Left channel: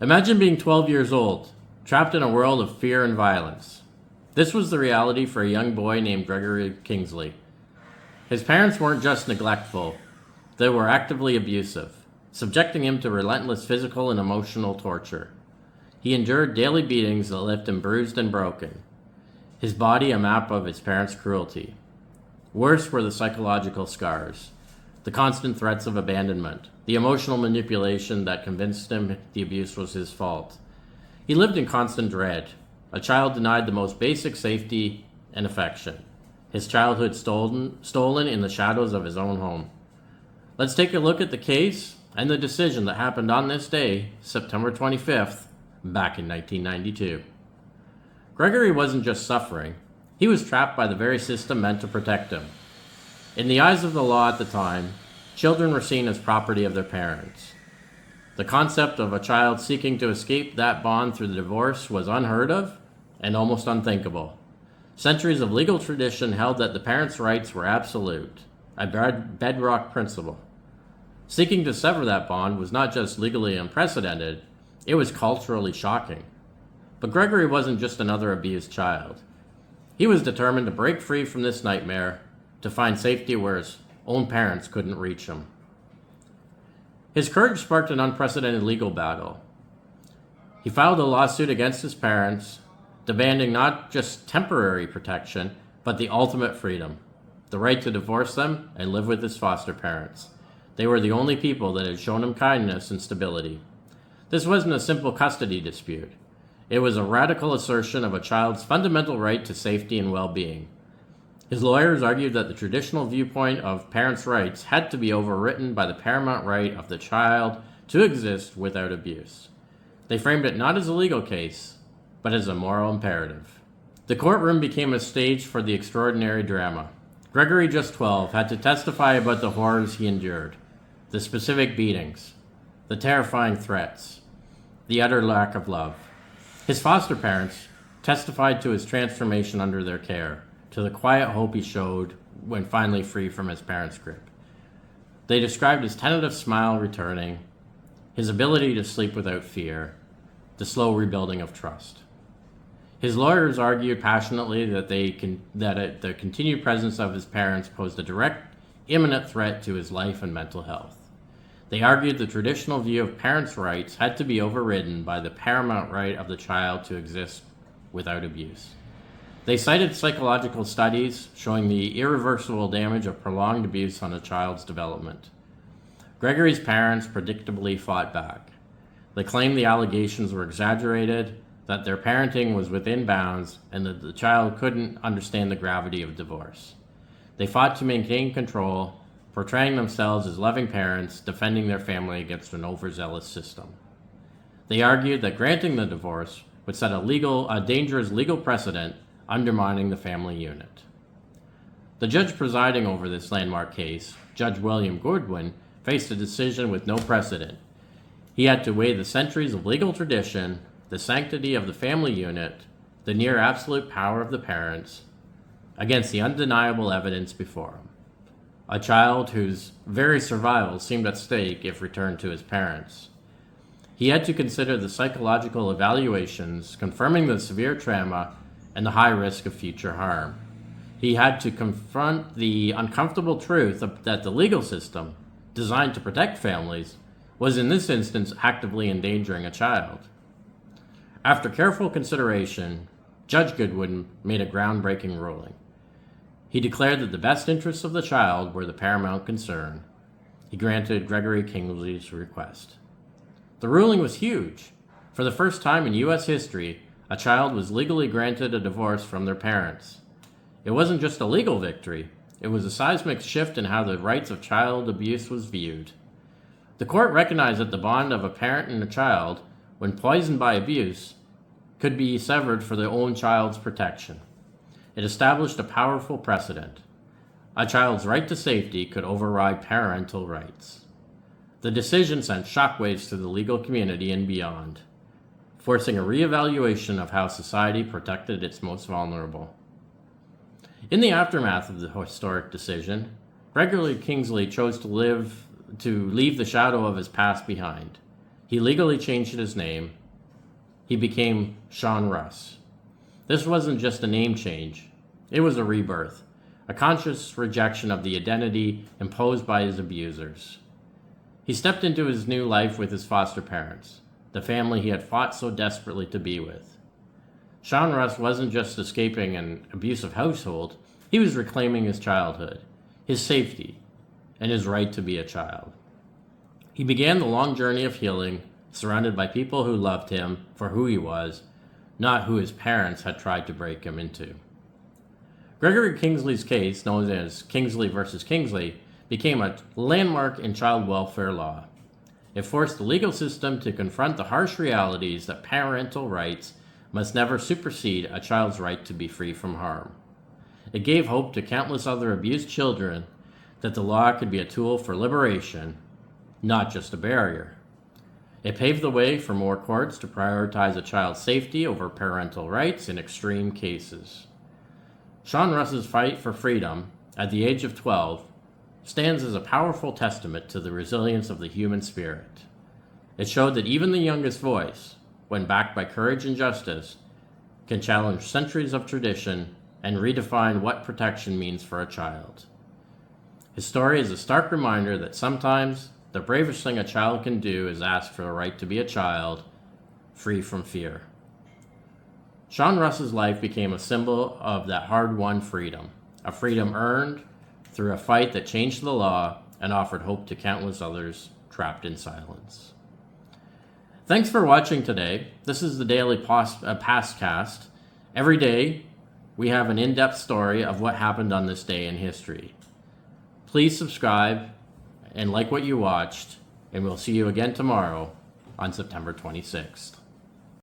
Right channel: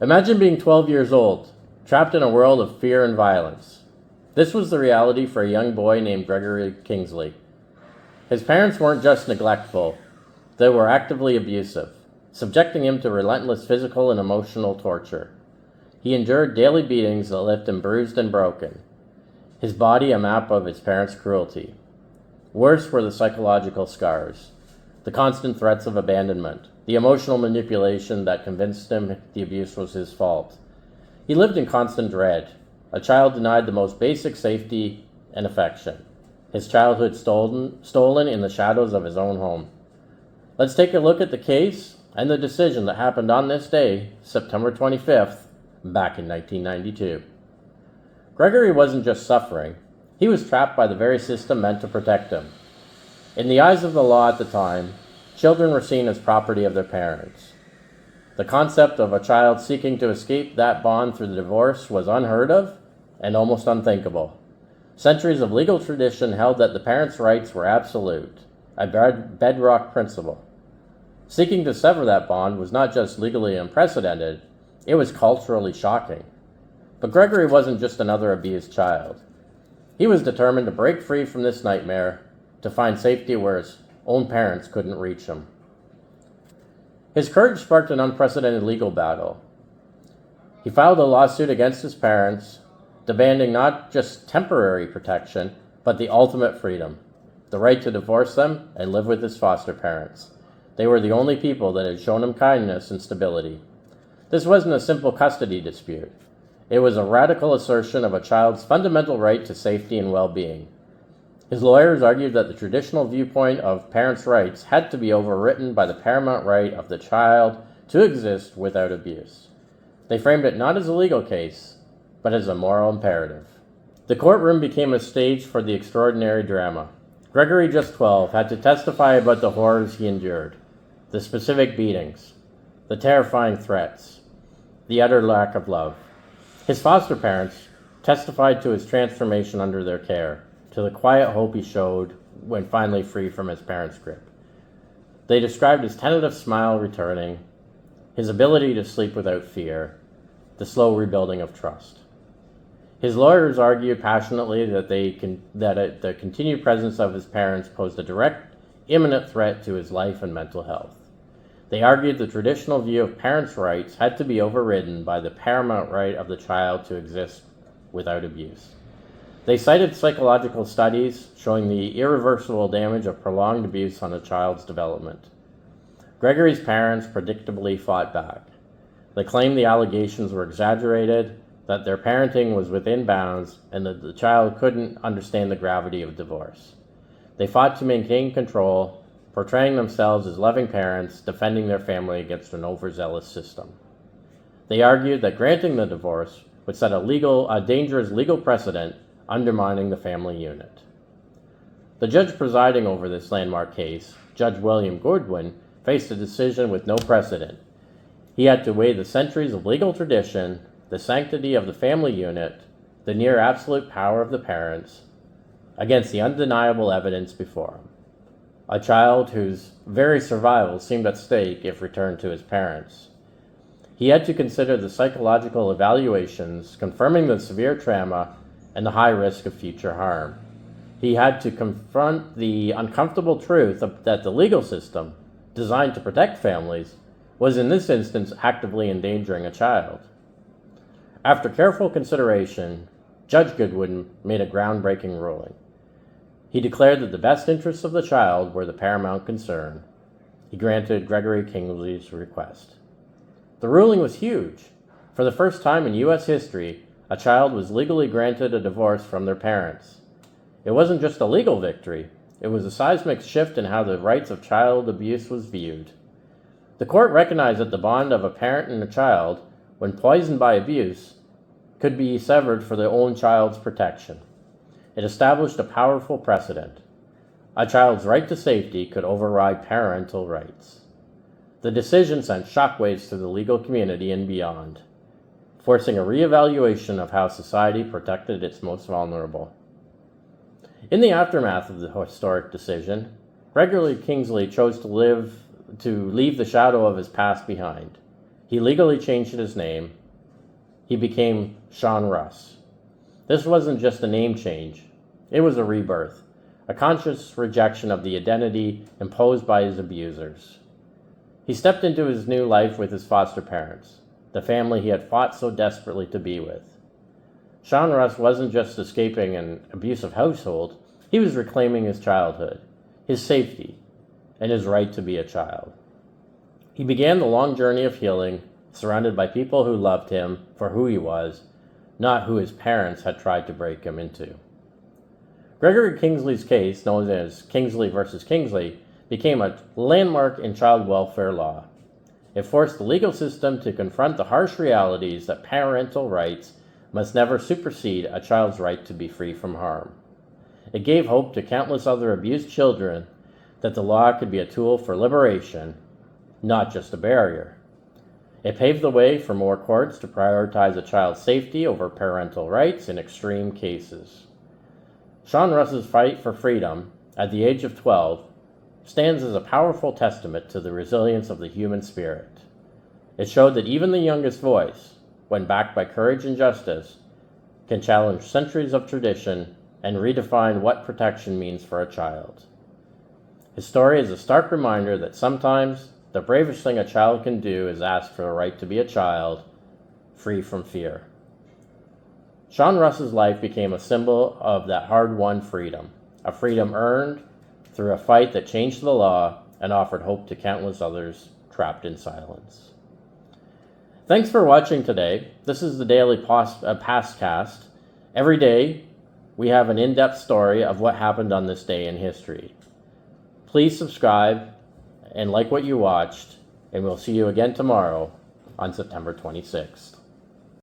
Imagine being 12 years old, trapped in a world of fear and violence. This was the reality for a young boy named Gregory Kingsley. His parents weren't just neglectful, they were actively abusive, subjecting him to relentless physical and emotional torture. He endured daily beatings that left him bruised and broken, his body a map of his parents' cruelty. Worse were the psychological scars, the constant threats of abandonment, the emotional manipulation that convinced him the abuse was his fault. He lived in constant dread, a child denied the most basic safety and affection, his childhood stolen in the shadows of his own home. Let's take a look at the case and the decision that happened on this day, September 25th, back in 1992. Gregory wasn't just suffering, he was trapped by the very system meant to protect him. In the eyes of the law at the time, children were seen as property of their parents. The concept of a child seeking to escape that bond through the divorce was unheard of and almost unthinkable. Centuries of legal tradition held that the parents' rights were absolute, a bedrock principle. Seeking to sever that bond was not just legally unprecedented, it was culturally shocking. But Gregory wasn't just another abused child. He was determined to break free from this nightmare, to find safety where his own parents couldn't reach him. His courage sparked an unprecedented legal battle. He filed a lawsuit against his parents, demanding not just temporary protection, but the ultimate freedom, the right to divorce them and live with his foster parents. They were the only people that had shown him kindness and stability. This wasn't a simple custody dispute. It was a radical assertion of a child's fundamental right to safety and well-being. His lawyers argued that the traditional viewpoint of parents' rights had to be overwritten by the paramount right of the child to exist without abuse. They framed it not as a legal case, but as a moral imperative. The courtroom became a stage for the extraordinary drama. Gregory, just 12, had to testify about the horrors he endured, the specific beatings, the terrifying threats, the utter lack of love. His foster parents testified to his transformation under their care, to the quiet hope he showed when finally free from his parents' grip. They described his tentative smile returning, his ability to sleep without fear, the slow rebuilding of trust. His lawyers argued passionately that the continued presence of his parents posed a direct, imminent threat to his life and mental health. They argued the traditional view of parents' rights had to be overridden by the paramount right of the child to exist without abuse. They cited psychological studies showing the irreversible damage of prolonged abuse on a child's development. Gregory's parents predictably fought back. They claimed the allegations were exaggerated, that their parenting was within bounds, and that the child couldn't understand the gravity of divorce. They fought to maintain control, portraying themselves as loving parents, defending their family against an overzealous system. They argued that granting the divorce would set a dangerous legal precedent, undermining the family unit. The judge presiding over this landmark case, Judge William Goodwin, faced a decision with no precedent. He had to weigh the centuries of legal tradition, the sanctity of the family unit, the near absolute power of the parents, against the undeniable evidence before him. A child whose very survival seemed at stake if returned to his parents. He had to consider the psychological evaluations confirming the severe trauma and the high risk of future harm. He had to confront the uncomfortable truth that the legal system, designed to protect families, was in this instance actively endangering a child. After careful consideration, Judge Goodwin made a groundbreaking ruling. He declared that the best interests of the child were the paramount concern. He granted Gregory Kingsley's request. The ruling was huge. For the first time in U.S. history, a child was legally granted a divorce from their parents. It wasn't just a legal victory, it was a seismic shift in how the rights of child abuse was viewed. The court recognized that the bond of a parent and a child, when poisoned by abuse, could be severed for their own child's protection. It established a powerful precedent. A child's right to safety could override parental rights. The decision sent shockwaves through the legal community and beyond, forcing a reevaluation of how society protected its most vulnerable. In the aftermath of the historic decision, Gregory Kingsley chose to leave the shadow of his past behind. He legally changed his name. He became Sean Russ. This wasn't just a name change, it was a rebirth, a conscious rejection of the identity imposed by his abusers. He stepped into his new life with his foster parents, the family he had fought so desperately to be with. Sean Russ wasn't just escaping an abusive household, he was reclaiming his childhood, his safety, and his right to be a child. He began the long journey of healing, surrounded by people who loved him for who he was, not who his parents had tried to break him into. Gregory Kingsley's case, known as Kingsley versus Kingsley, became a landmark in child welfare law. It forced the legal system to confront the harsh realities that parental rights must never supersede a child's right to be free from harm. It gave hope to countless other abused children that the law could be a tool for liberation, not just a barrier. It paved the way for more courts to prioritize a child's safety over parental rights in extreme cases. Sean Russ's fight for freedom, at the age of 12, stands as a powerful testament to the resilience of the human spirit. It showed that even the youngest voice, when backed by courage and justice, can challenge centuries of tradition and redefine what protection means for a child. His story is a stark reminder that sometimes the bravest thing a child can do is ask for the right to be a child, free from fear. Sean Russ's life became a symbol of that hard-won freedom, a freedom earned through a fight that changed the law and offered hope to countless others trapped in silence. Thanks for watching today. This is the daily Pastcast. Every day, we have an in-depth story of what happened on this day in history. Please subscribe and like what you watched, and we'll see you again tomorrow on September 26th.